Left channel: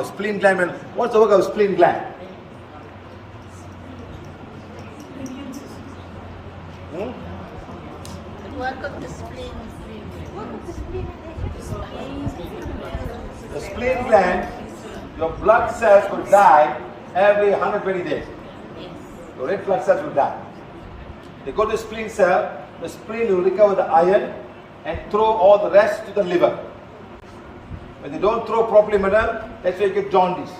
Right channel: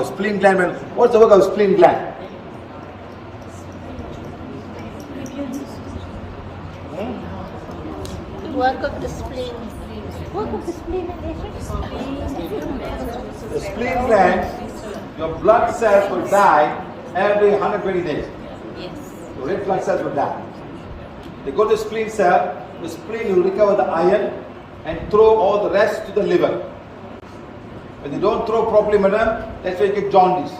The spleen gland. and- What's the work of spleen gland? Hmm? Work of the spleen. Work of the spleen. The spleen gland, your blood cells will die every 120 days. Yes. Your red blood cells will die. They go to the spleen cell, the spleen will recover the iron and throw all the rest to the liver. When they don't throw properly, madam, that's why you get jaundice.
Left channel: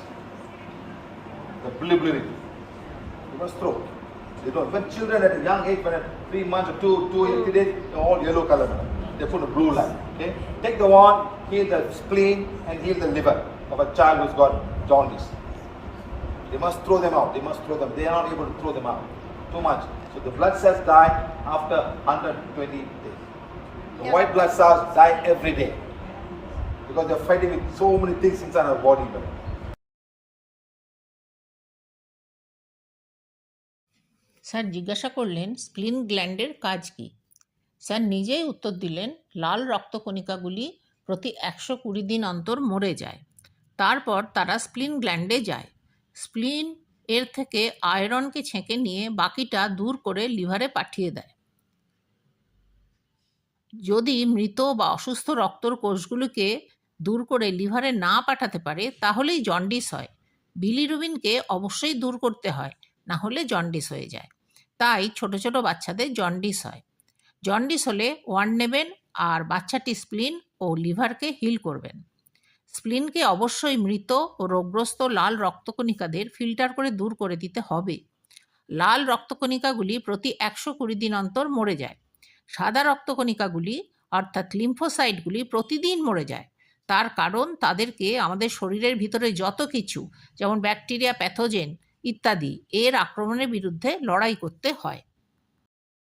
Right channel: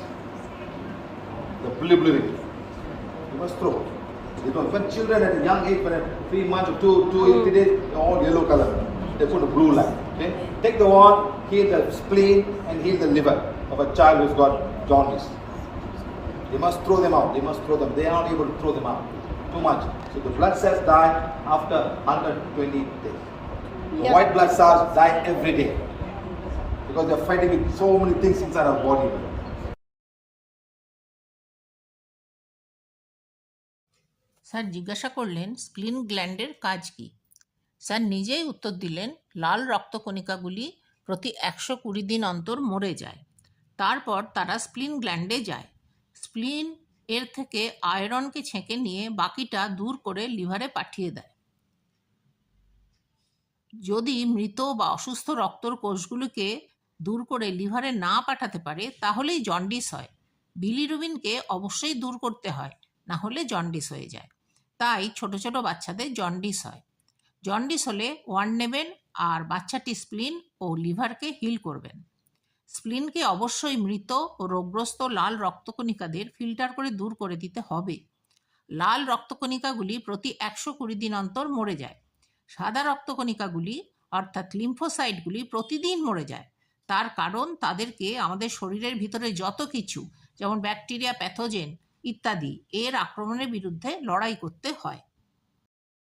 The bilirubin. You must throw. You don't. When children at a young age, when at three months or two, two, hmm. eighty days, they're all yellow color. They put a blue line. Okay? Take the one, heal the spleen and heal the liver of a child who's got jaundice. They must throw them out. They must throw them. They are not able to throw them out. Too much. So the blood cells die after 120 days. Yeah. white blood cells die every day. Because they're fighting with so many things inside our body. Sir জিজ্ঞাসা করলেন স্প্লিন গ্ল্যান্ডের কাজ কি? Sir নিজেই উত্তর দিলেন, লাল রক্তকণিকাগুলি প্রতি একশো কুড়ি দিন অন্তর মরে যায়। তারপর তারা স্প্লিন গ্ল্যান্ডে যায়। স্প্লিন এর থেকে আয়রনকে ছেঁকে নিয়ে বাকিটা দূর করে লিভারে পাঠিয়ে দেয়। যদি মৃত বা অসুস্থ রক্তর কোষগুলিকে দূর করে লিভারে না পাঠাতে পারে, তাহলেই জন্ডিস হয়। বিলিরুবিনকে অবশ্যই দূর করতে হয়, না হলে জন্ডিস হয়ে যায়। তাই ছোট ছোট বাচ্চাদের জন্ডিস হয়। জন্ডিস হলে ওয়ান নেবেন আর বাচ্চাটি স্প্লিন ও লিভারকে হিল করবেন। স্প্লিনকে অবশ্যই মৃত ও রোগগ্রস্ত লাল রক্তকণিকাদের ফিল্টার করে দূর করে দিতে হবে। লাল রক্তকণিকাগুলি প্রতি একশো কুড়ি দিন অন্তর মরে যায়। সাদা রক্তকণিকাগুলি অর্থাৎ লিম্ফোসাইটগুলি প্রতিদিন মরে যায়। তার কারণ তাদেরকে আমাদের শরীরের ভিতরে যত কিছু, যেমন ব্যাকটেরিয়া প্যাথোজেন ইত্যাদি, এর আক্রমণের বিরুদ্ধে লড়াই করতে হয়।